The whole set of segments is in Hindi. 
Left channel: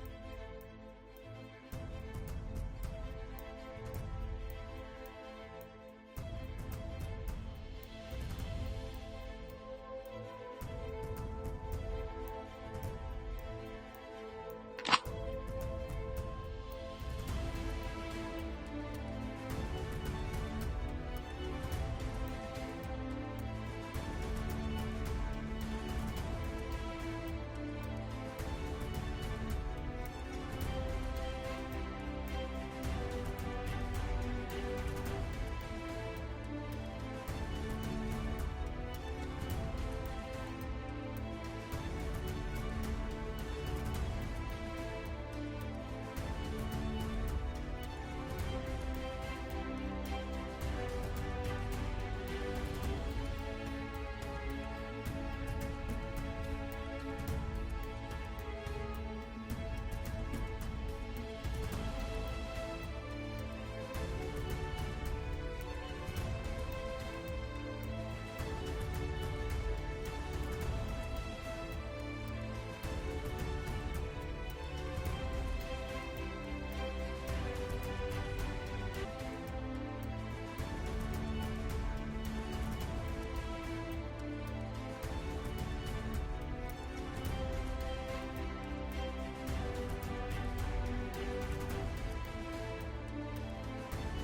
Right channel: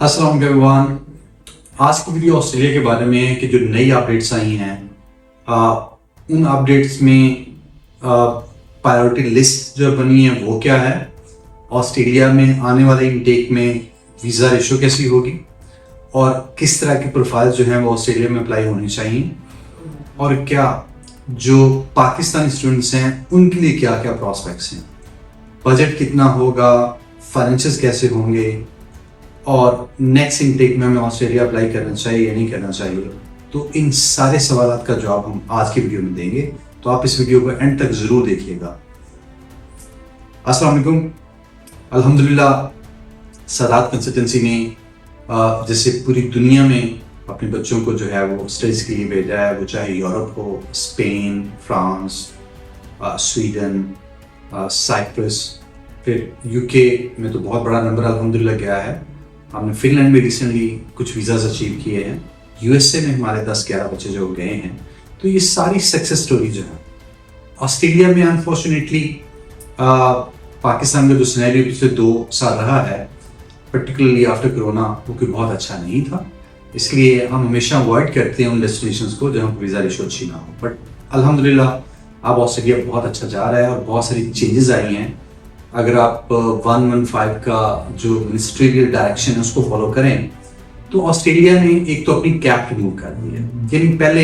अस्सलाम वालेकुम एवरीवन। आज की वीडियो ऑस्ट्रेलिया के बारे में है कि जो नई अपडेट्स आई हैं उन अपडेट्स में प्रायोरिटी लिस्ट जो बनी है वो क्या है, ऑस्ट्रेलिया में आने वाले इनटेक में वीज़ा रेशो कैसी होगी और किस तरह की प्रोफाइल जो है वो ऑस्ट्रेलिया में अप्लाई होनी चाहिए, और क्या जो पाकिस्तानी स्टूडेंट्स हैं उनके लिए क्या क्या प्रॉस्पेक्ट्स हैं, बजट कितना होगा, फाइनेंशियल्स कैसे होंगे और नेक्स्ट इनटेक में हमें ऑस्ट्रेलिया अप्लाई करना चाहिए या नहीं करना चाहिए। तो इन सारे सवालों का जवाब हम आज की वीडियो में देंगे, तो आप इस वीडियो को एंड तक ज़रूर देखिएगा। अस्सलाम वालेकुम। अल्हम्दुलिल्लाह सादात कंसल्टेंसी ने जैसे पूरी दुनिया में अपने बच्चों को जो है वो स्टडीज़ के लिए भेजा है, वो चाहे यूरोप हो, स्पेन, फ्रांस, स्वीडन, साइप्रस, फिर यूके में तो बहुत बड़ा नंबर अल्हम्दुलिल्लाह गया है। हमने फिनलैंड में रिसेंटली कुछ वीज़ाज अचीव किए हैं, यूएसए में हमारे 10-11 बच्चे जो गए हैं। तो ये सारी सक्सेस स्टोरी जो है ऑस्ट्रेलिया में अनफॉर्चुनेटली पाकिस्तान में जो सिनेरियो पिछले 2 साल रहा है, पर्टिकुलरली आफ्टर कोरोना, वो कोई बहुत अच्छा नहीं था। इसलिए हम हमेशा अवॉइड करते हैं उन डेस्टिनेशंस को जहाँ पर वीज़ा रेशो अच्छी ना हो। बट अल्हम्दुलिल्लाह अब ऑस्ट्रेलिया बहुत अच्छा जा रहा है और बहुत सारी चेंजेस आई हैं। अगर आप 115 का जो मिनिस्ट्रियल डायरेक्शन है उसको फॉलो करें तो ऑस्ट्रेलिया ने एक तो अपनी कैप रिमूव कर दी है। यानी पहले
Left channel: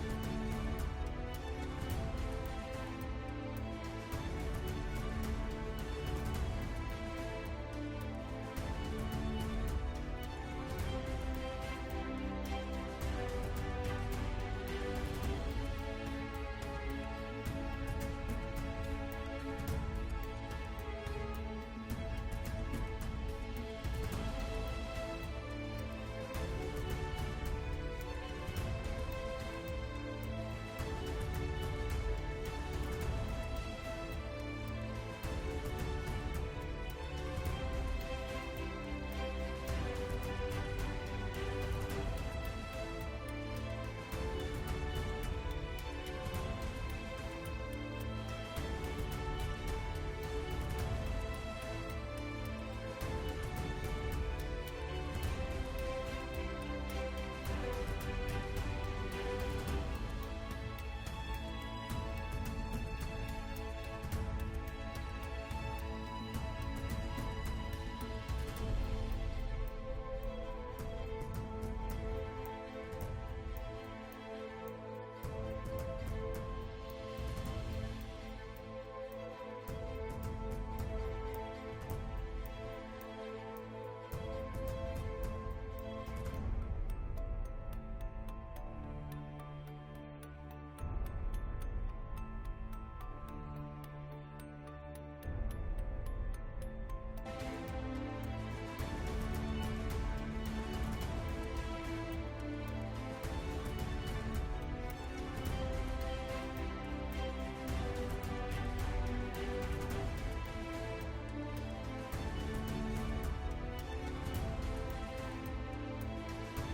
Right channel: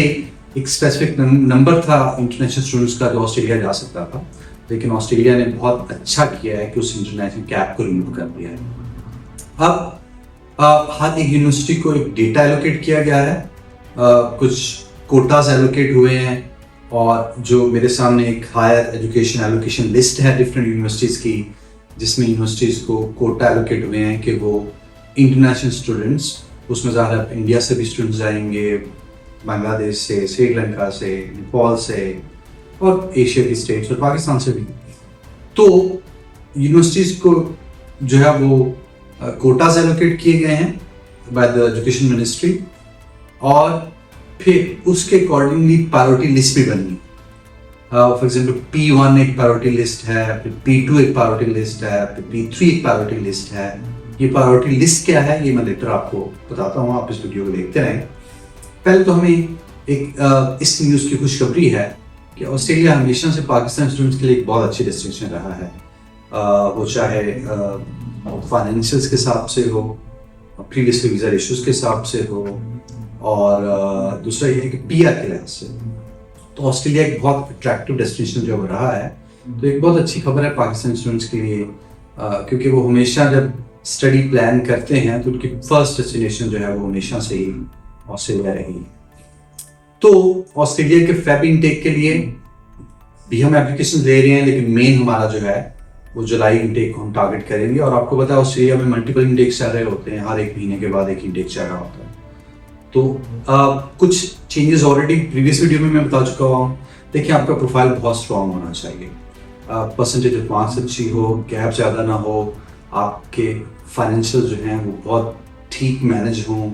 एक स्पेसिफिक नंबर था इंटरनेशनल स्टूडेंट्स का जो ऑस्ट्रेलिया जा सकता था, लेकिन ऑस्ट्रेलिया ने बहुत अच्छा किया है कि उस इंटरनेशनल कैप को रिमूव कर दिया है। अब हर एक यूनिवर्सिटी को एक डेटा एलोकेट किया गया है, कुछ कोटाज एलोकेट हुए हैं, और जो मेरे सामने एक हायर एजुकेशन एलोकेशन लिस्ट है डिफरेंट यूनिवर्सिटीज़ की, जिसमें यूनिवर्सिटीज़ को कोटा एलोकेट हुए हैं कि वो इंटरनेशनल स्टूडेंट्स, उसमें ज़्यादा इंडिया से भी स्टूडेंट्स जाएंगे, बांग्लादेश से, श्रीलंका से, नेपाल से और एशिया की स्टेट्स और पाकिस्तान से भी। तो यूनिवर्सिटीज़ को जो है वो कोटाज एलोकेट किए गए हैं बाय द एजुकेशन मिनिस्ट्री, और फिर उसके अकॉर्डिंगली प्रायोरिटी लिस्ट भी बनी। फॉर एग्जाम्पल P1 एक प्रायोरिटी लिस्ट है, फिर P2 एक प्रायोरिटी लिस्ट है, फिर P3 एक प्रायोरिटी लिस्ट है। ये प्रायोरिटी लिस्ट क्या है ये मैं लेकर आपको बताता हूँ, आप इस वीडियो को देखते रहें। पहले तो हमें एक इस न्यूज़ की खुशखबरी है कि ऑस्ट्रेलिया हमेशा से पाकिस्तान स्टूडेंट्स के लिए एक बहुत अच्छी डेस्टिनेशन रहा है, वो चाहे फाइनेंशियल्स के हिसाब से हो, प्रीवियसली वीज़ा रेशोज़ के हिसाब से हो, और दूसरा ये है कि PR के लिहाज से। तो ऑस्ट्रेलिया एक बहुत अट्रैक्टिव डेस्टिनेशन जो रहा है, तो एक बहुत अच्छी खबर है पाकिस्तानी स्टूडेंट्स के लिए, क्योंकि वो हमेशा जब स्टडी प्लान करते हैं तो उनकी फर्स्ट डेस्टिनेशन जो है वो हमेशा से ही ऑस्ट्रेलिया रही। तो ऑस्ट्रेलिया के फेब इनटेक के लिए भी हम एप्लीकेशन दे रहे हैं, लेकिन मेन हमारा जो है वो जुलाई इनटेक को हम टारगेट करेंगे। और आपको पता है ऑस्ट्रेलिया में मल्टीपल इनटेक्स चल रहे होते हैं, हर एक महीने के बाद एक इनटेक चल रहा होता है। तो कुछ चेंजेस ऑलरेडी प्रीवियस वीडियो में मैं बता चुका हूँ। देखिए, आपका प्रोफाइल बहुत स्ट्रॉन्ग होना चाहिए, परसेंटेज ऑफ मार्क्स अच्छी हो, गैप ज़्यादा ना हो, आपके फाइनेंशियल जो हैं वो बहुत ठीक मैनेज हों,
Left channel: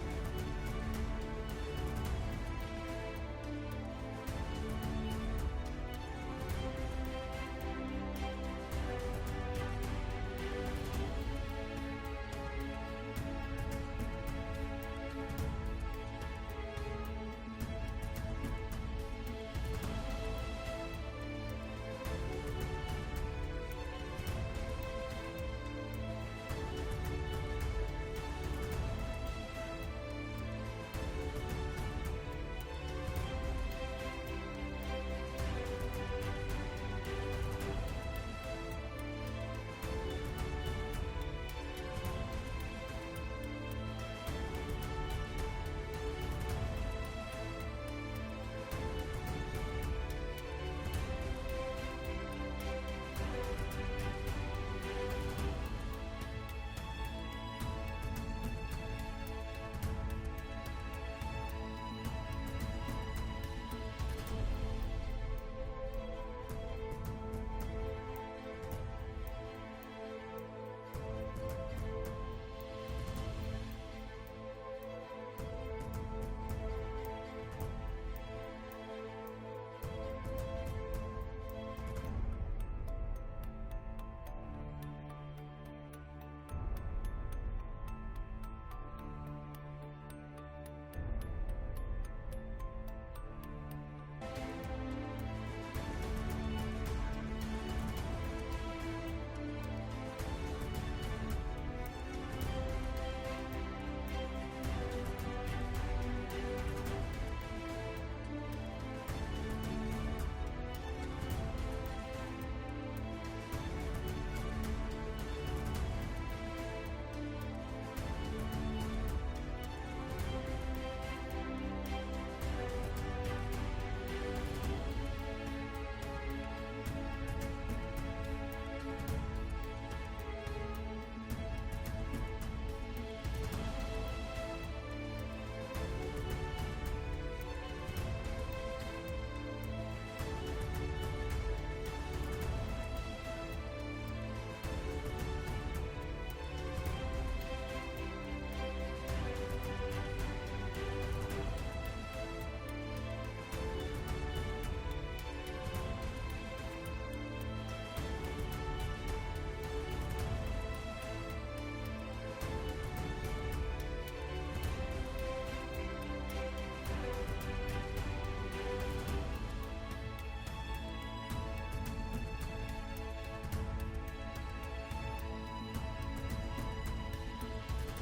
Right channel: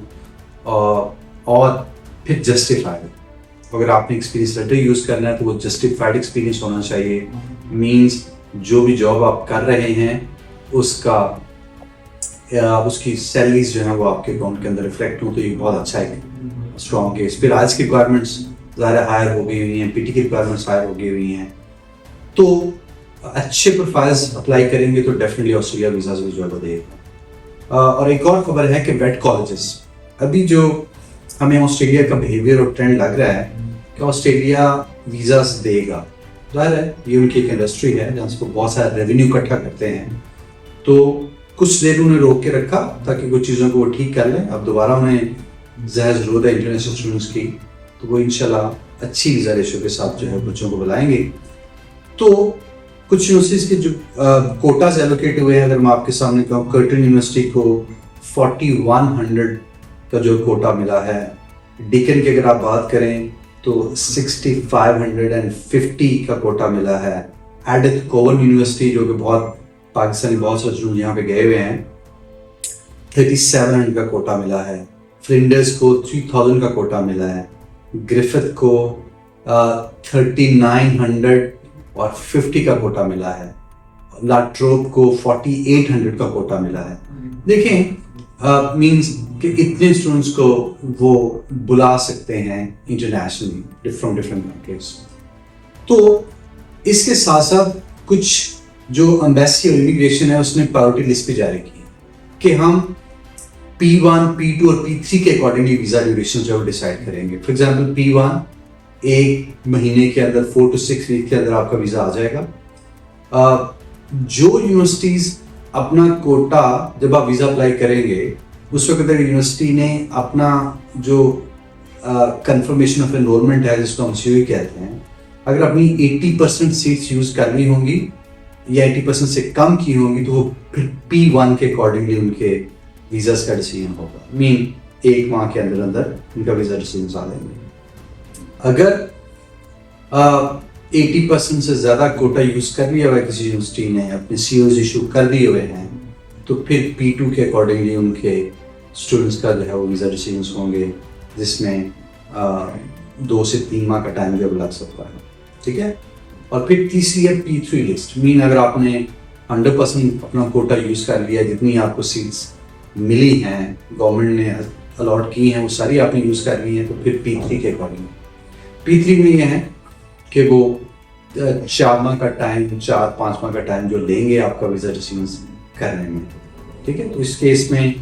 और फिर जस्टिफाइड। अगर आपने एक्सपीरियंस लेटर यूज़ करना है तो वो जस्टिफाइड एक्सपीरियंस होना चाहिए। मीन्स जो भी जॉब आप कर रहे हैं उसकी सैलरीज जो है वो आपके अकाउंट के अंदर रिफ्लेक्ट हो, तो ये बहुत अच्छा है, स्ट्रॉन्ग केस। फिर आज की रिक्वायरमेंट्स ज़्यादा हायर हो गई हुई हैं, PT की रिक्वायरमेंट्स हायर हो गई हुई हैं, तो अच्छे प्रोफाइल्स अप्लाई करेंगे तो डेफिनेटली ऑस्ट्रेलिया वीज़ा जो है देगा। और एक और खबर है कि वेट कॉलेजेस, अभी जो हमें ऑस्ट्रेलिया का बिहेवियर और ट्रेंड लग रहा है कि ऑस्ट्रेलिया वीज़ास देगा। जाहिर है ये उनकी एक इंडस्ट्री है जहाँ से वो बहुत सारा रेवेन्यू इकट्ठा करते हैं, तो कुछ देर उन्हें रोक के रखा ताकि कुछ चीज़ों को वो ठीक कर लें। अब दोबारा उन्हें ज़्यादा ज़रूरत है इंटरनेशनल स्टूडेंट्स की, तो वो इंशाल्लाह अच्छी वीज़ा रेशो के साथ जो है बच्चों को बुलाएंगे। तो कुछ यूनिवर्सिटीज़ के जो कोटाज एलोकेट हुए हैं, अगर मैं आपके सामने कहूँ, कर्टन यूनिवर्सिटी को 4100 का जो कोटा मिला है। डिकन की अगर आप बात करें तो 6550 का कोटा मिला है। एडिथ कोवन यूनिवर्सिटी जो कि बहुत पाकिस्तानी बहुत सारे स्टूडेंट यहाँ पे गए हुए हैं, 3700 का कोटा मिला है। फ्लिंडर्स को 3000 का कोटा मिला है। ग्रिफिथ को 3950 का कोटा मिला है। लाट्रोप को 4800 का कोटा मिला है। देखें, मीन्स कि इतने स्टूडेंट्स को वो बुला सकते हैं इंटरनेशनली फ्रॉम डिफरेंट कंट्रीज। तो इसके साथ साथ कुछ जो एम्बेसी और इमिग्रेशन है उसने प्रायोरिटी लिस्ट पे जारी की कि हम P1, P2 और P3 के अकॉर्डिंगली वीज़ा ड्यूरेशन जो डिसाइड करेंगे। फॉर एग्जांपल P1 एक महीने के अंदर 4 to 6 वीक के अंदर आपका वीज़ा आ जाएगा। जो यूनिवर्सिटीज़ अपना कोटा जब आप वीज़ा अप्लाई करेंगे उस वक्त अगर यूनिवर्सिटी ने अपना जो कंफर्मेशन ऑफ एनरोलमेंट है जिसको हम COE कहते हैं, अगर अपनी 80% सीट्स यूज़ करनी होंगी या 80% से कम की होंगी तो वो फिर P1 के अकॉर्डिंगली उनके वीज़ास का डिसीजन होगा। मीन एक माह के अंदर अंदर उनका वीज़ा डिसीजन आ जाएंगे। अगर 80% से ज़्यादा कोटा यूज़ कर लिया हुआ है किसी यूनिवर्सिटी ने, अपने COs इशू कर दिए हुए हैं, तो फिर P2 के अकॉर्डिंगली उनके स्टूडेंट्स का जो है वो वीज़ा डिसीजन होंगे, जिसमें 2 से 3 माह का टाइम जब लग सकता है। ठीक है। और फिर तीसरी है P3 लिस्ट। मीन अगर आपने 100% अपना कोटा यूज़ कर लिया, जितनी आपको सीट्स मिली हैं गवर्नमेंट ने अलॉट की हैं वो सारी आपने यूज़ कर ली हैं, तो फिर P3 के अकॉर्डिंग P3 में ये है कि वो 4 माह का टाइम, 4-5 माह का टाइम जो लेंगे आपका वीज़ा डिसीजन करने में। ठीक है। तो इस केस में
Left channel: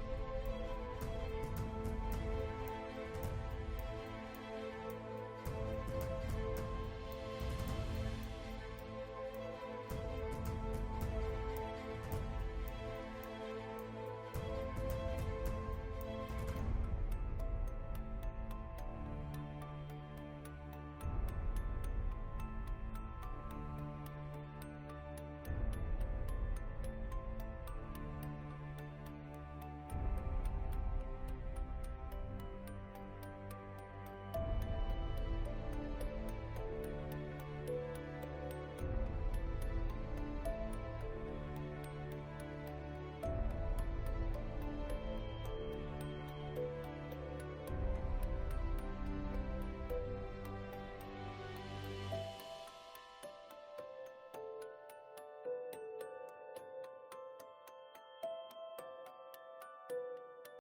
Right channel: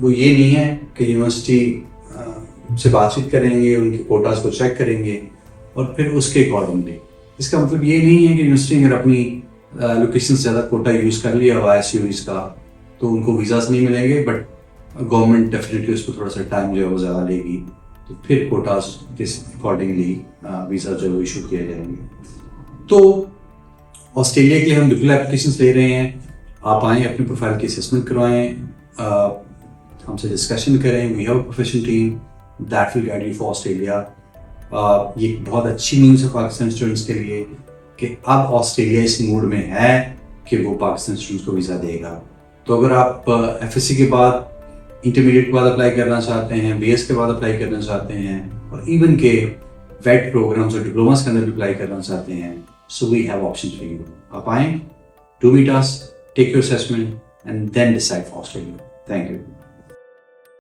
वो ये नहीं है कि यूनिवर्सिटी से बातचीत करेंगे, उनके कोटास को चेक करेंगे और फिर उसके अकॉर्डिंगली। इसका मतलब ये नहीं है कि यूनिवर्सिटी अगर अपनी लोकेशन से ज़्यादा कोटा यूज़ कर लिया हुआ है COEs का तो उनको वीज़ास नहीं मिलेंगे, बट गवर्नमेंट डेफिनेटली उसको थोड़ा सा टाइम जो है वो ज़्यादा लेगी, तो फिर कोटास के अकॉर्डिंगली वीज़ा जो इशू किए जाएंगे। तो ऑस्ट्रेलिया के लिए हम बिल्कुल एप्लीकेशंस ले रहे हैं। आप आएँ, अपनी प्रोफाइल की असेसमेंट करवाएँ, हमसे डिस्कशन करें। We have a professional team that will guide you for Australia. ये बहुत अच्छी न्यूज़ है पाकिस्तान स्टूडेंट्स के लिए कि अब ऑस्ट्रेलिया इस मूड में है कि वो पाकिस्तान स्टूडेंट्स को वीज़ा देगा। तो अगर आप FSC के बाद, इंटरमीडिएट के बाद अप्लाई करना चाहते हैं, BS के बाद अप्लाई करना चाहते हैं और इवन के वेट प्रोग्राम्स और डिप्लोमास के अंदर भी अप्लाई करना चाहते हैं, so we have option for you. आप आएँ, do meet us, take your assessment and then decide for Australia. Thank you.